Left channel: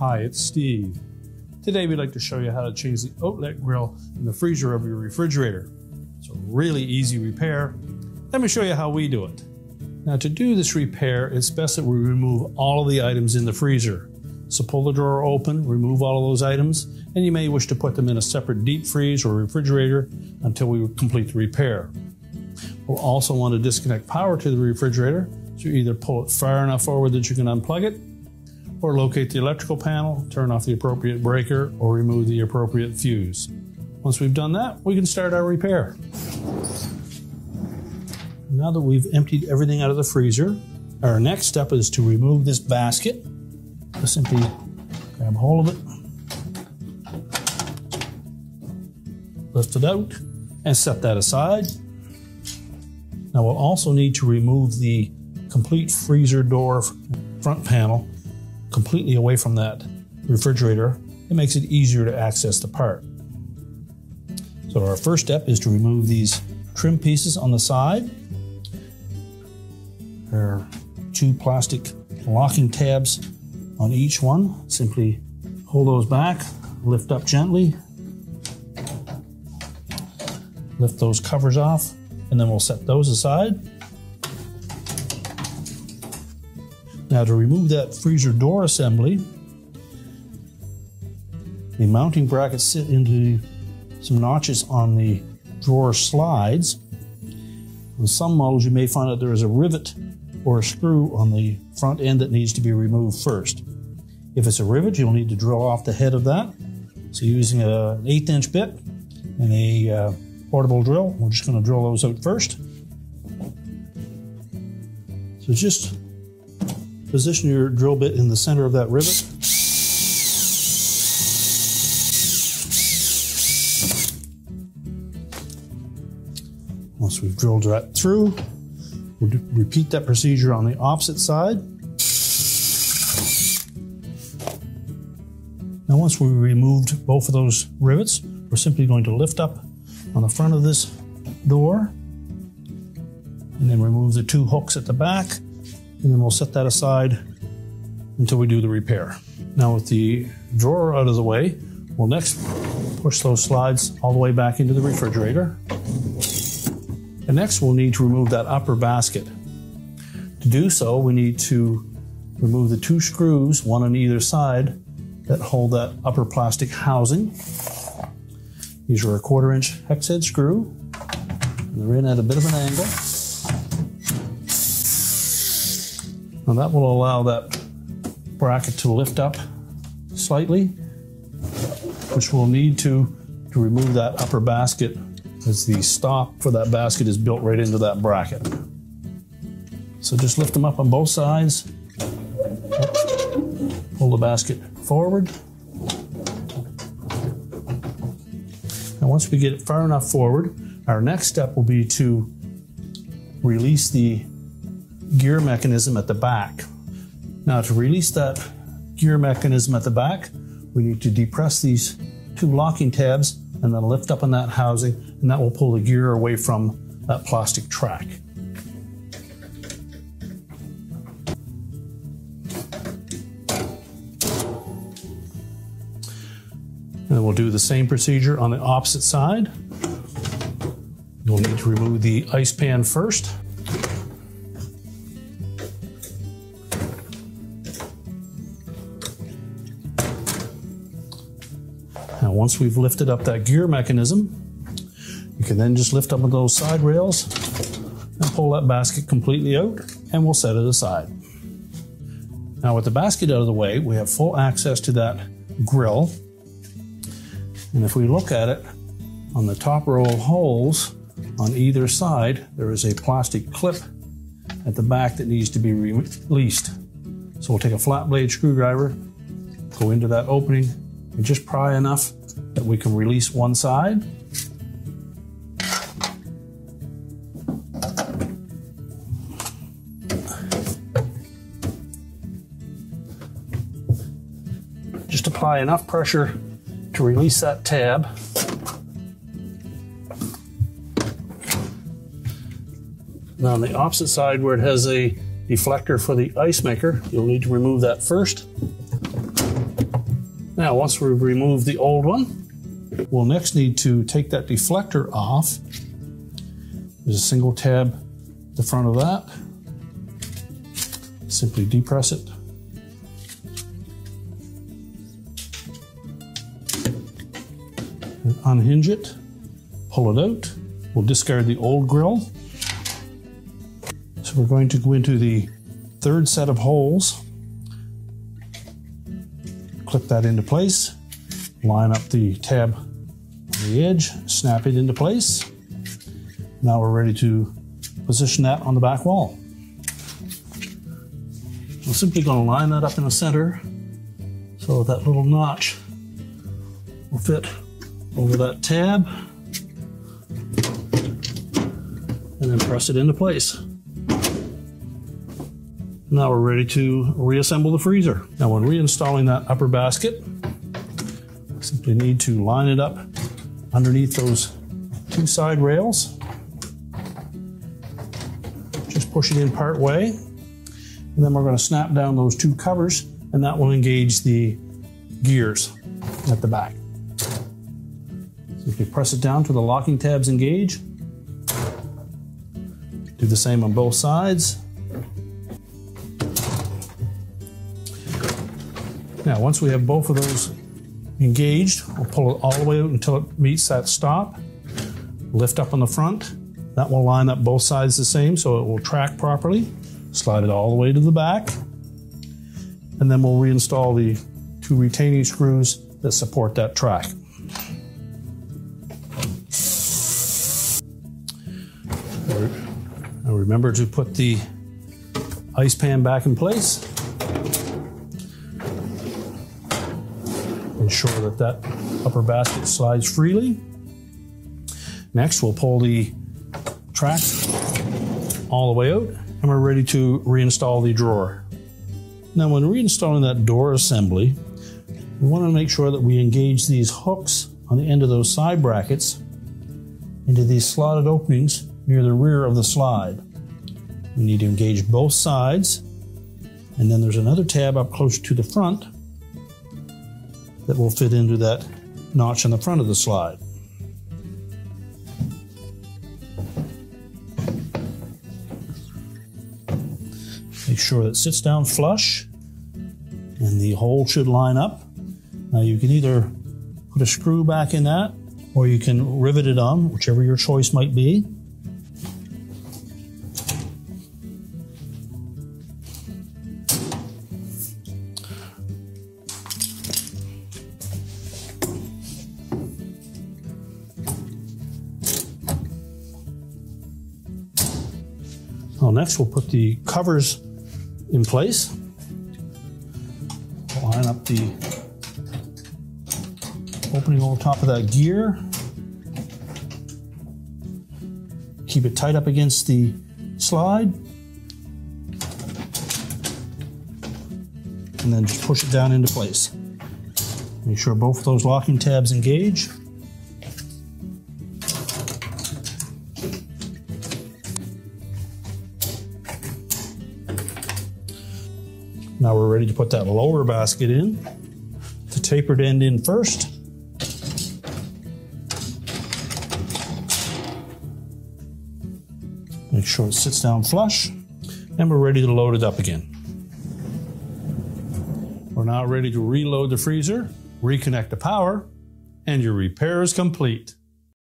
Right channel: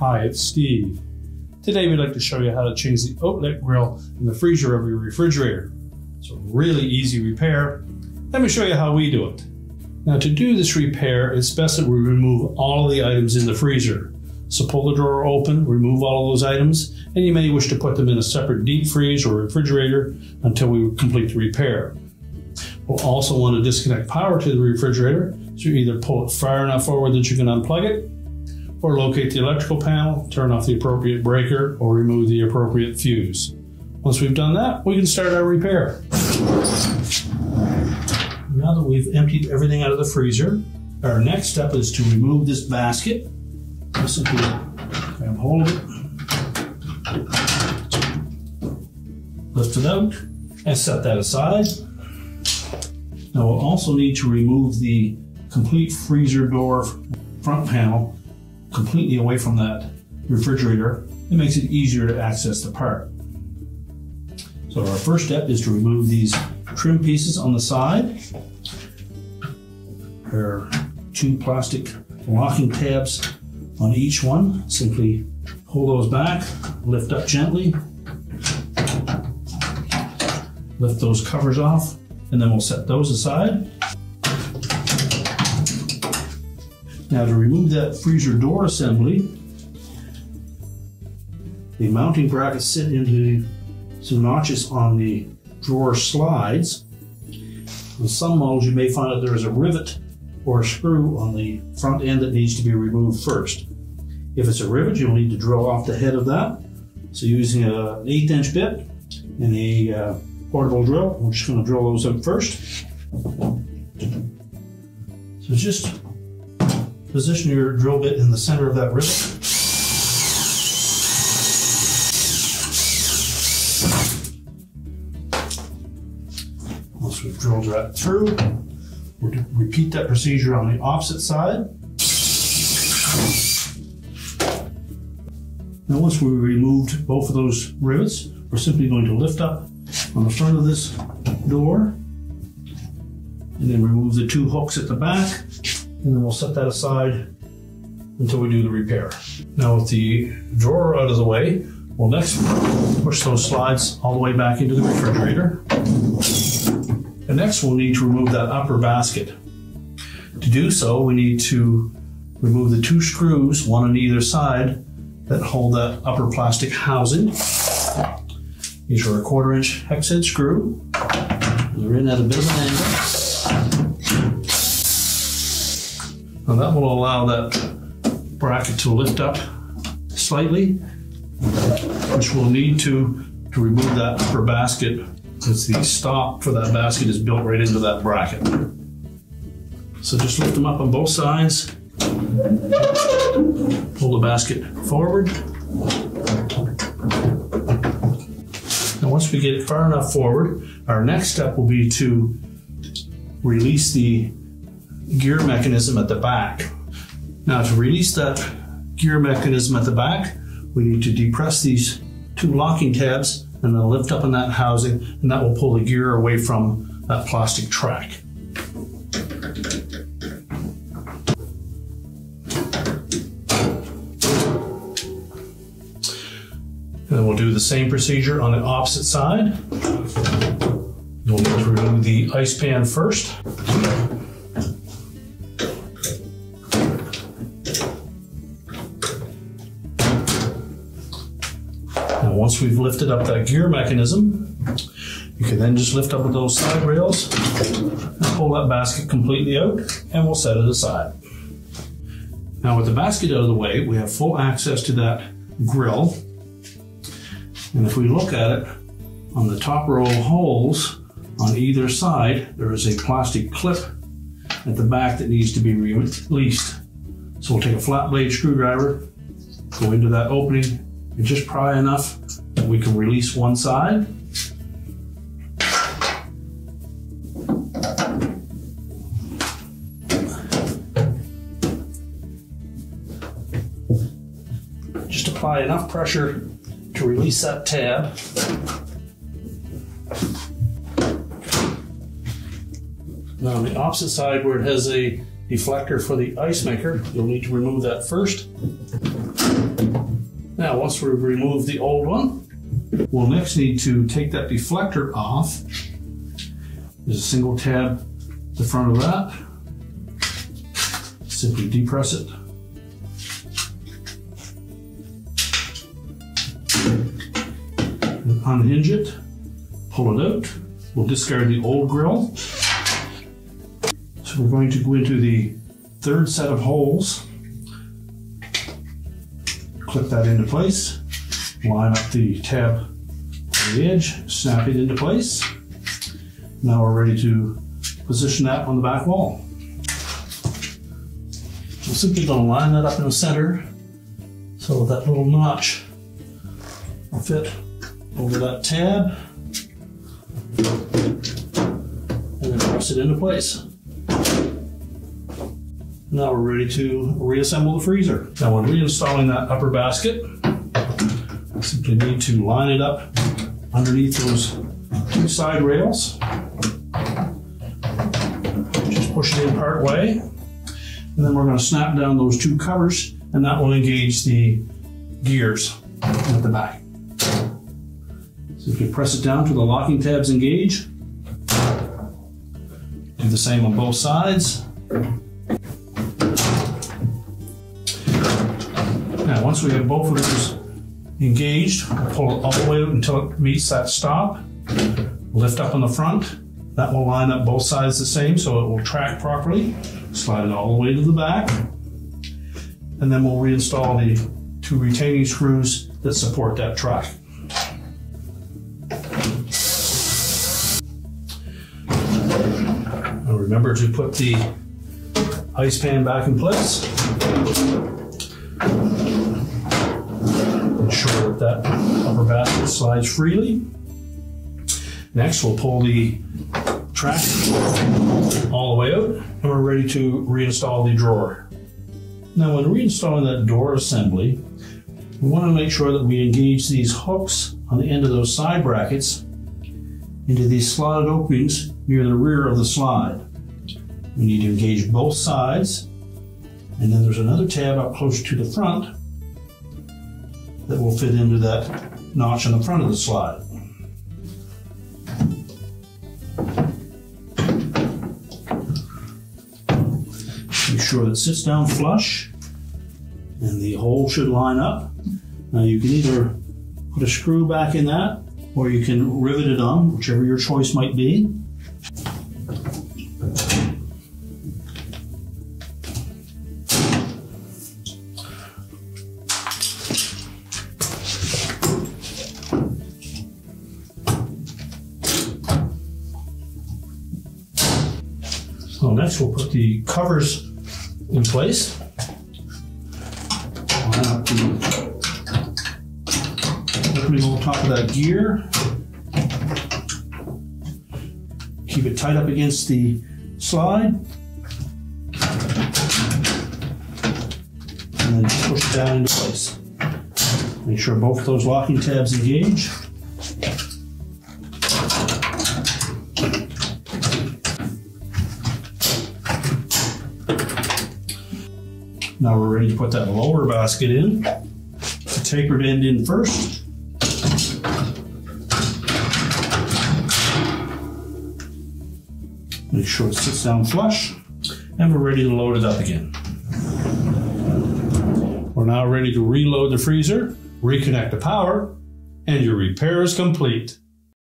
Hi, it's Steve. Today we'd like to show you how to change the outlet grill in the freezer of your refrigerator. It's a really easy repair. Let me show you how we do it. Now to do this repair, it's best that we remove all of the items in the freezer. So pull the drawer open, remove all of those items, and you may wish to put them in a separate deep freeze or refrigerator until we complete the repair. We'll also want to disconnect power to the refrigerator, so you either pull it far enough forward that you can unplug it, or locate the electrical panel, turn off the appropriate breaker, or remove the appropriate fuse. Once we've done that, we can start our repair. Now that we've emptied everything out of the freezer, our next step is to remove this basket. I'll simply grab hold of it, lift it out, and set that aside. Now we'll also need to remove the complete freezer door front panel completely away from that refrigerator. It makes it easier to access the part. So our first step is to remove these trim pieces on the side. There are two plastic locking tabs on each one. Simply hold those back, lift up gently, lift those covers off, and then we'll set those aside. Now to remove that freezer door assembly, the mounting brackets sit into some notches on the drawer slides. With some models you may find that there is a rivet or a screw on the front end that needs to be removed first. If it's a rivet, you'll need to drill off the head of that. So using an 1/8 inch bit and a portable drill, we're just going to drill those out first. So just position your drill bit in the center of that rivet. Once we've drilled that through, we'll repeat that procedure on the opposite side. Now once we've removed both of those rivets, we're simply going to lift up on the front of this door and then remove the two hooks at the back, and then we'll set that aside until we do the repair. Now with the drawer out of the way, we'll next push those slides all the way back into the refrigerator. And next we'll need to remove that upper basket. To do so, we need to remove the two screws, one on either side, that hold that upper plastic housing. These are a 1/4 inch hex head screw. They're in at a bit of an angle. Now that will allow that bracket to lift up slightly, which we'll need to remove that upper basket, because the stop for that basket is built right into that bracket. So just lift them up on both sides, pull the basket forward. Now once we get it far enough forward, our next step will be to release the gear mechanism at the back. Now to release that gear mechanism at the back, we need to depress these two locking tabs and then lift up on that housing, and that will pull the gear away from that plastic track. And then we'll do the same procedure on the opposite side. You'll need to remove the ice pan first. Now once we've lifted up that gear mechanism, you can then just lift up with those side rails and pull that basket completely out, and we'll set it aside. Now with the basket out of the way, we have full access to that grill. And if we look at it, on the top row of holes on either side, there is a plastic clip at the back that needs to be released. So we'll take a flat blade screwdriver, go into that opening, and just pry enough that we can release one side. Just apply enough pressure to release that tab. Now on the opposite side, where it has a deflector for the ice maker, you'll need to remove that first. Now, once we've removed the old one, we'll next need to take that deflector off. There's a single tab at the front of that. Simply depress it. And unhinge it, pull it out. We'll discard the old grill. So we're going to go into the third set of holes. Clip that into place. Line up the tab on the edge, snap it into place. Now we're ready to position that on the back wall. We're simply going to line that up in the center so that little notch will fit over that tab, and then press it into place. Now we're ready to reassemble the freezer. Now when reinstalling that upper basket, simply need to line it up underneath those two side rails. Just push it in part way, and then we're going to snap down those two covers, and that will engage the gears at the back. Simply press it down till the locking tabs engage. Do the same on both sides. Now, once we have both of those engaged, we'll pull it all the way out until it meets that stop. Lift up on the front. That will line up both sides the same so it will track properly. Slide it all the way to the back. And then we'll reinstall the two retaining screws that support that track. Now remember to put the ice pan back in place. Ensure that upper basket slides freely. Next, we'll pull the track all the way out, and we're ready to reinstall the drawer. Now, when reinstalling that door assembly, we want to make sure that we engage these hooks on the end of those side brackets into these slotted openings near the rear of the slide. We need to engage both sides, and then there's another tab up closer to the front that will fit into that notch on the front of the slide. Make sure that it sits down flush and the hole should line up. Now you can either put a screw back in that, or you can rivet it on, whichever your choice might be. So next we'll put the covers in place. Line up the opening on top of that gear. Keep it tight up against the slide. And then just push it down into place. Make sure both of those locking tabs engage. Now we're ready to put that lower basket in. The tapered end in first. Make sure it sits down flush, and we're ready to load it up again. We're now ready to reload the freezer, reconnect the power, and your repair is complete.